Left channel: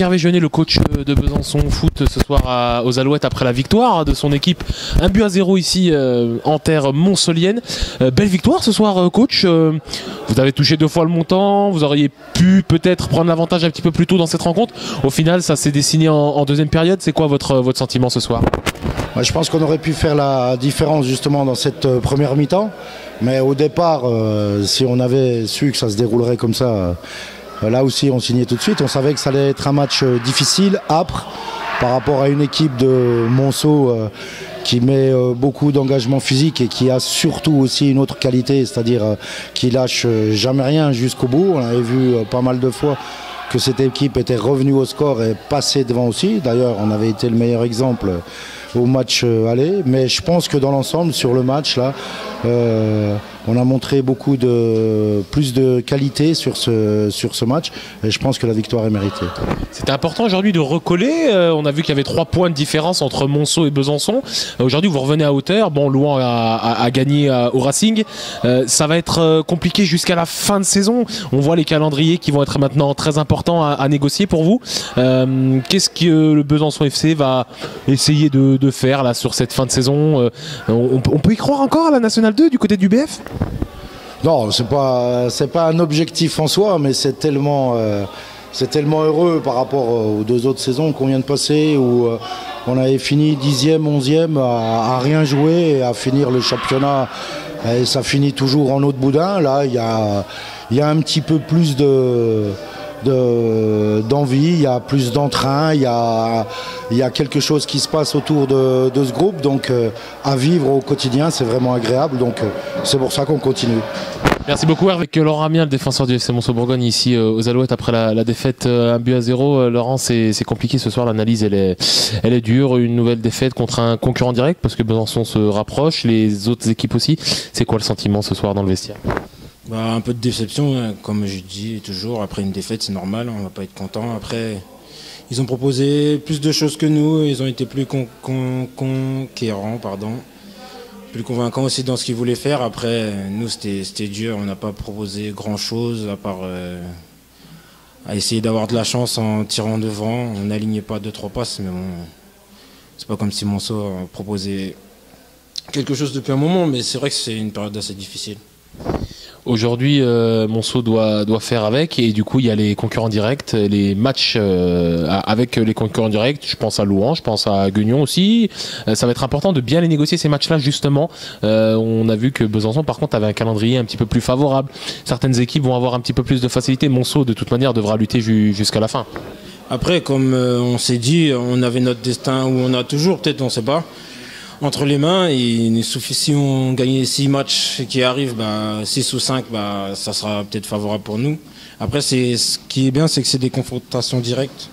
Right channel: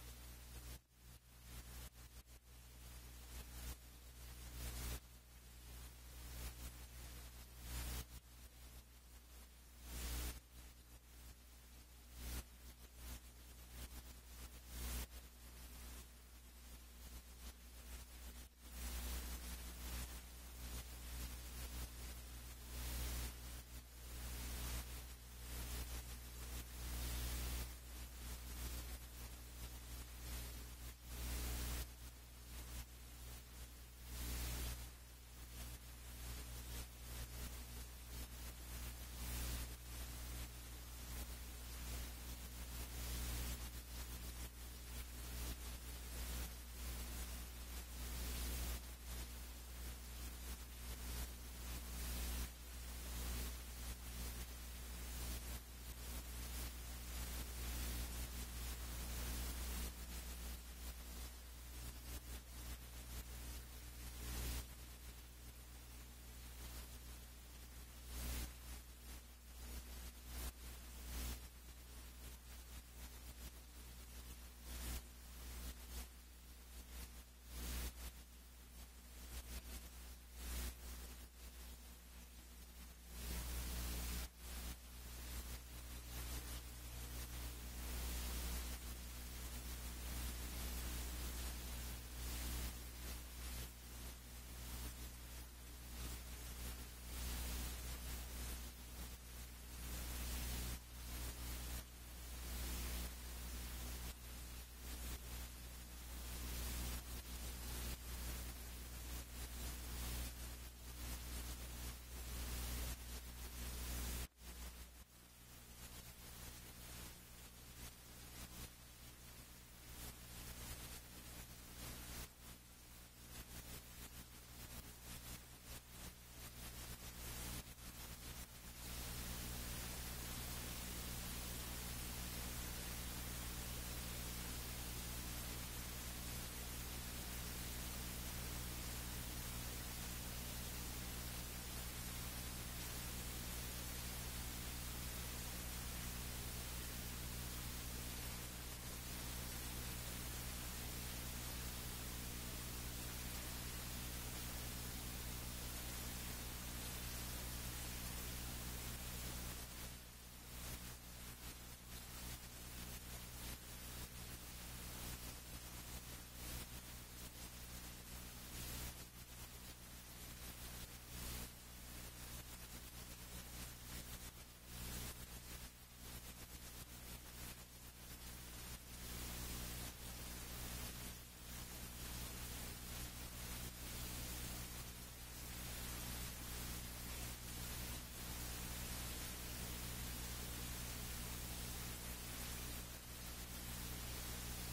avec Hervé Jeunet, le coach de Besançon Foot ce soir aux Alouettes après la victoire de son équipe. 1-0 ici en terre montcelienne. Belle victoire ce soir, coach. Vous avez touché 2 fois le montant. Vous auriez pu peut-être prendre l'avantage un petit peu plus tôt dans cette rencontre. Au final, ça s'est dessiné en deuxième période. C'est quoi votre sentiment ce soir? Je pense qu'on aurait pu faire la différence justement dans cette première mi-temps. Mais au départ, si on avait su que ça se déroulerait comme ça, là aussi on signait tout de suite. On savait que ça allait être un match difficile, âpre, par rapport à une équipe de Monceau qui met beaucoup d'engagement physique et qui a surtout aussi une autre qualité, c'est-à-dire qui lâche jamais rien jusqu'au bout. On avait vu pas mal de fois que cette équipe était revenue au score et passée devant aussi. D'ailleurs, on avait été le meilleur exemple au match aller, mais je pense que dans l'ensemble, sur le match là, on a montré plus de qualité sur ce match et je pense que la victoire est méritée. C'était important aujourd'hui de recoller. On a vu qu'il y avait 3 points de différence entre Monceau et Besançon. Aujourd'hui, vous revenez à hauteur. Bon, Louan a gagné au Racing. Ça va être compliqué jusqu'à la fin de saison. On voit les calendriers qui vont être maintenant très importants à négocier pour vous. Qu'est-ce que le Besançon FC va essayer de faire là sur cette fin de saison? On peut y croire encore à la Nationale 2 du côté du BF? Non, c'est pas un objectif en soi, mais c'est tellement heureux par rapport aux 2 autres saisons qu'on vient de passer où on avait fini 10e, 11e à rien jouer et à finir le championnat et ça finit toujours en eau de boudin. Là, il y a un petit peu plus d'envie, il y a plus d'entrain, il y a quelque chose qui se passe autour de ce groupe, donc à vivre au quotidien, c'est vraiment agréable, donc c'est pour ça qu'on continue. Merci beaucoup Hervé. Avec Laurent Amiens, le défenseur du FC Monceau-Bourgogne ici aux Alouettes après la défaite 1-0. Laurent, c'est compliqué ce soir, l'analyse elle est dure, une nouvelle défaite contre un concurrent direct parce que Besançon se rapproche, les autres équipes aussi. C'est quoi le sentiment ce soir dans le vestiaire? Un peu de déception, hein, comme je dis toujours, après une défaite c'est normal, on va pas être content. Après, ils ont proposé plus de choses que nous, ils ont été plus conquérants, plus convaincants aussi dans ce qu'ils voulaient faire. Après, nous c'était dur, on n'a pas proposé grand chose à part à essayer d'avoir de la chance en tirant devant. On n'alignait pas 2-3 passes, mais bon, c'est pas comme si Monceau a proposé quelque chose depuis un moment, mais c'est vrai que c'est une période assez difficile. Aujourd'hui, Monceau doit faire avec et du coup il y a les concurrents directs, les matchs avec les concurrents directs. Je pense à Louan, je pense à Guignon aussi. Ça va être important de bien les négocier ces matchs-là justement. On a vu que Besançon par contre avait un calendrier un petit peu plus favorable. Certaines équipes vont avoir un petit peu plus de facilité. Monceau de toute manière devra lutter jusqu'à la fin. Après, comme on s'est dit, on avait notre destin où on a toujours, peut-être on ne sait pas, entre les mains, et si on gagne 6 matchs qui arrivent, 6 ou 5, ça sera peut-être favorable pour nous. Après, ce qui est bien, c'est que c'est des confrontations directes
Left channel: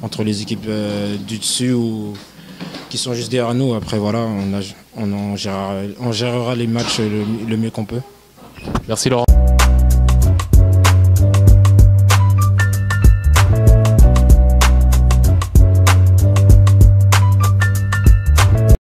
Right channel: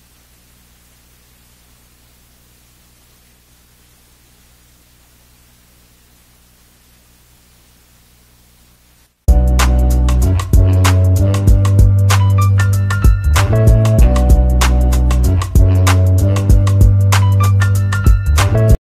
entre les équipes du dessus ou qui sont juste derrière nous. Après, voilà, on gérera les matchs le mieux qu'on peut. Merci Laurent.